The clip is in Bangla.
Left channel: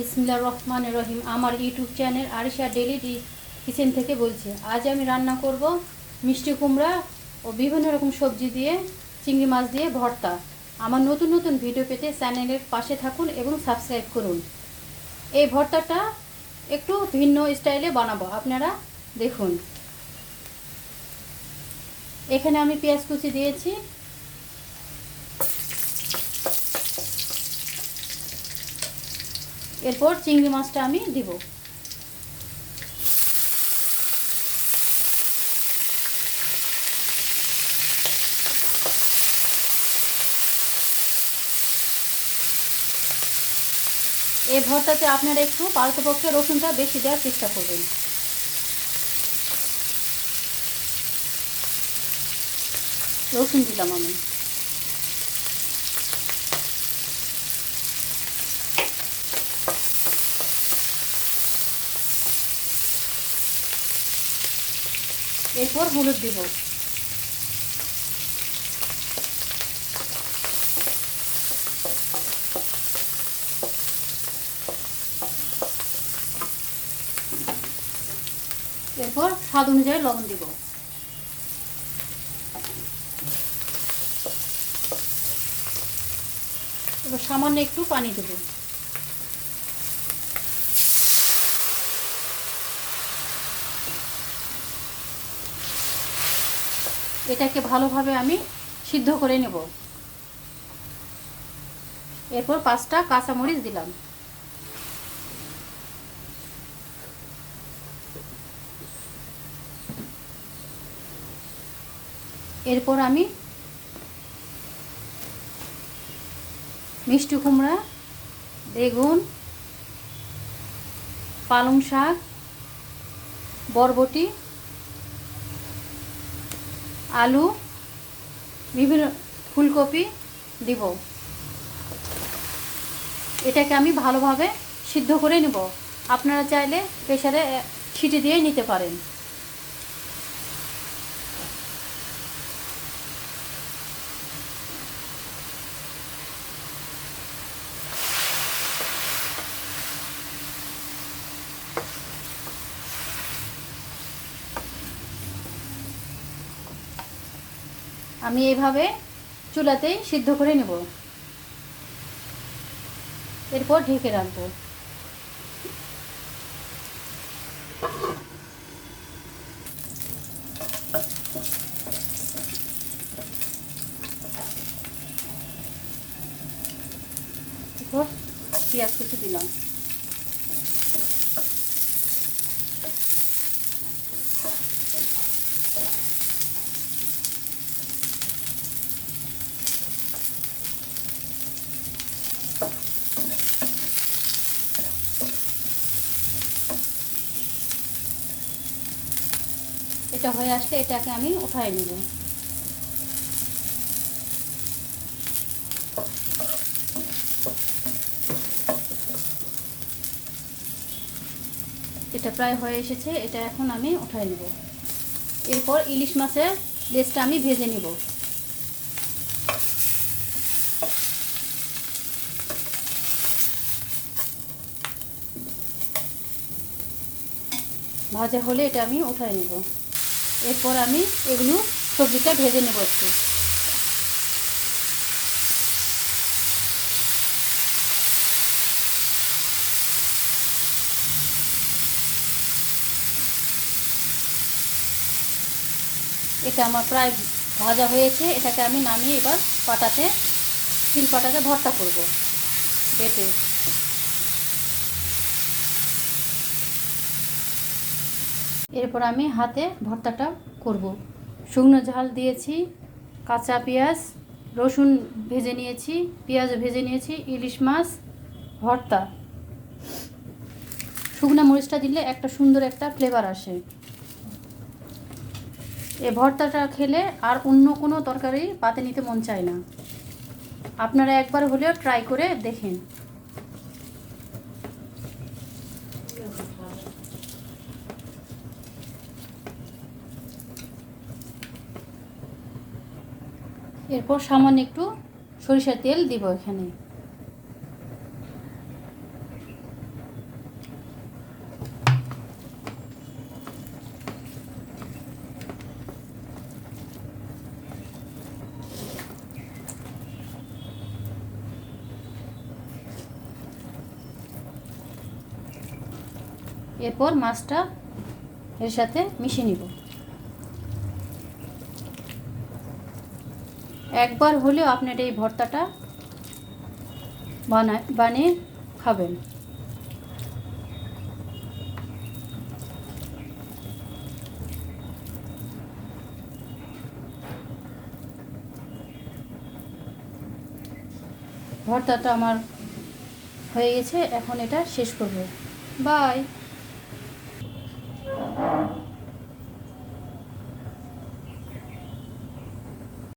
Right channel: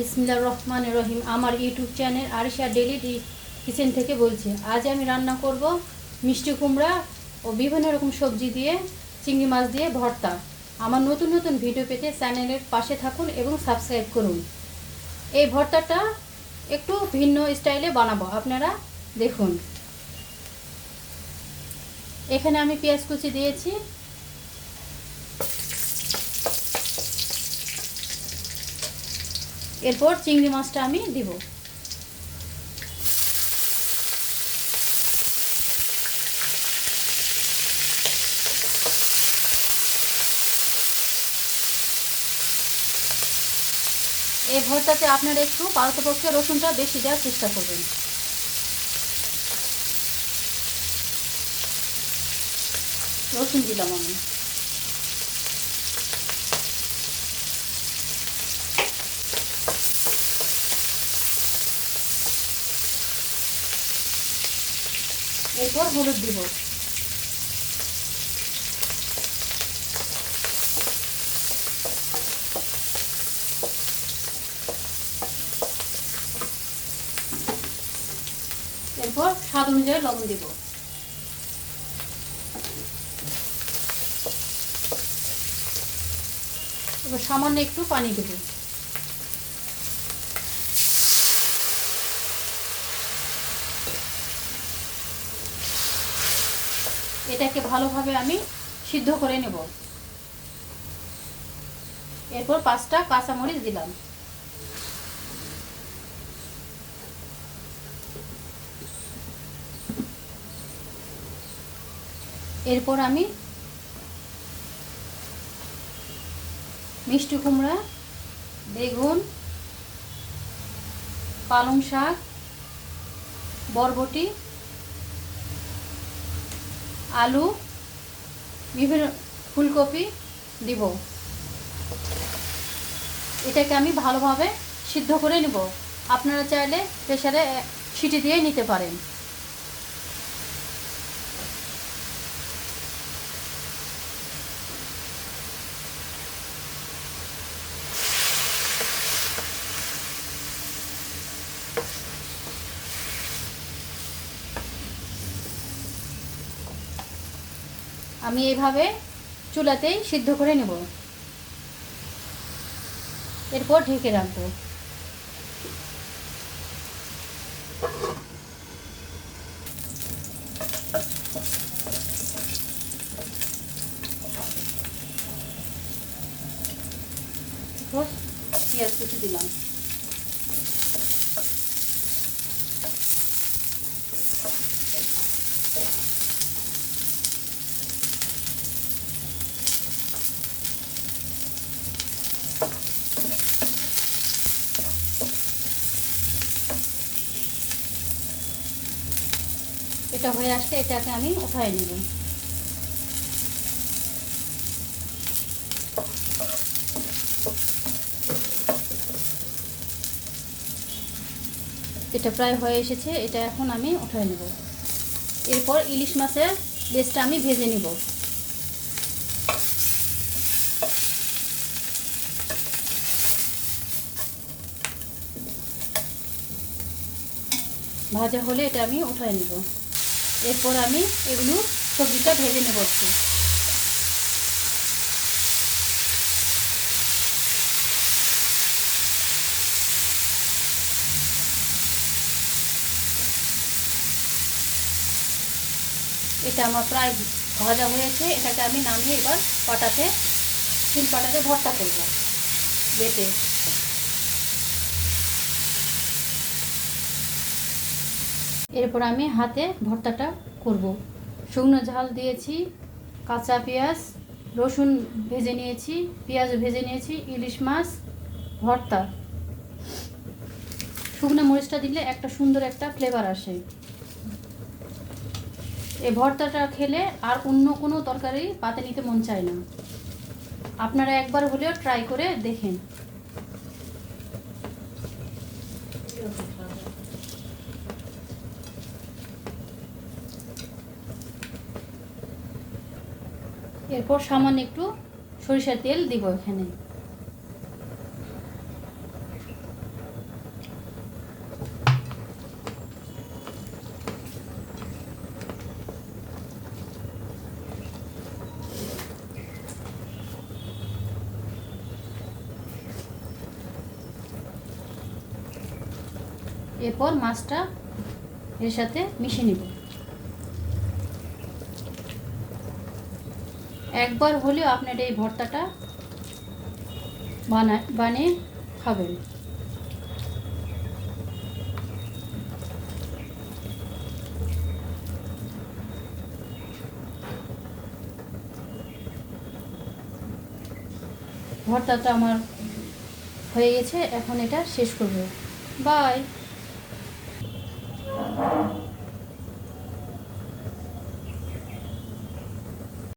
বিসমিল্লাহির রহমানির রহিম। আমার YouTube channel Arisha daily kitchen থেকে বলছি। আজ আমি রান্না করব মিষ্টি কুমড়া ও বিভিন্ন রকম সবজি দিয়ে চিংড়ি মাছ দিয়ে ভর্তা। আমার নতুন নতুন ভিডিও পেতে চ্যানেলের পাশে থাকুন এবং সাবস্ক্রাইব করুন। এই ভর্তাটা একটু ভিন্ন স্টাইলে বানাবো, আপনারা দেখুন। এখানে আমি পেঁয়াজ কুচি দিয়েছি, এরপর চিংড়ি মাছটা আমি দিব। এই ভর্তাতে আপনারা একটু পারতপক্ষে রসুনটা বেশি দেওয়ার চেষ্টা করবেন। রসুন দিলাম আমি। এরপর হলুদ দিব। এরপর স্বাদ অনুযায়ী লবণ দিব। এবার সামান্য একটু পানি দেব। এটাকে ভালোভাবে আমি সিদ্ধ করে নেব। এরপর 5টা কাঁচামরিচ দিলাম। এরপর আমি মিষ্টি কুমড়া, বেগুন, পালং শাক, বরবটি, আলু, বিভিন্ন ফুলকপি দিব। এটাকে আমি ভালোভাবে সিদ্ধ করে নেব। আপনারা চাইলে প্রেসারে সিটি দিয়ে নিতে পারেন। আমি এইভাবে চুলাতেই সিদ্ধ করে নেব। এরপর ঢেকে রাখবো। পেঁয়াজ কুচি দিলাম। এটা হয়ে আসছে, এটাকে আমি উঠাই নেব। এটা প্রায় হয়ে এসেছে, এটা এখন আমি উঠাই নেব। এরপর ইলিশ মাছের লেজটা আমি ভেজে নেব। ভাজা হলে এটা আমি উঠাই নেব। এরপর আমি এগুলো সবজিটা ভেজে নেব একটু। এটা আমার প্রায় ভাজা হয়েছে, এটাকে আমি নামিয়ে এবার পাটাতে শিলপাটাতে ভর্তা করব বেটে। এরপর আমি হাতে ভর্তাটা করব। শুকনো ঝাল দিয়েছি, কাঁচা পেঁয়াজ, রসুন ভেজে নিয়েছি, পেঁয়াজ ভেজে নিয়েছি, ইলিশ মাছ ভর্তা। শুকনো মরিচটা দিলে একটা সুন্দর একটা ফ্লেভার আসে। এই ভর্তাটা খেলে আর অন্য কোনো তরকারি পাতে নিতে মন চায় না। আপনারা একবার হলেও ট্রাই করে দেখেন। এরপর সামান্য একটু সরিষার তেল দিব এখানে। এরপর মাছটা এর সাথে মিশিয়ে নিব। একবার হলেও আপনার এই ভর্তাটা বানিয়ে খাবেন। ভর্তাটা আমার হয়ে গেছে, এখন এটা শেষ করব। বাই।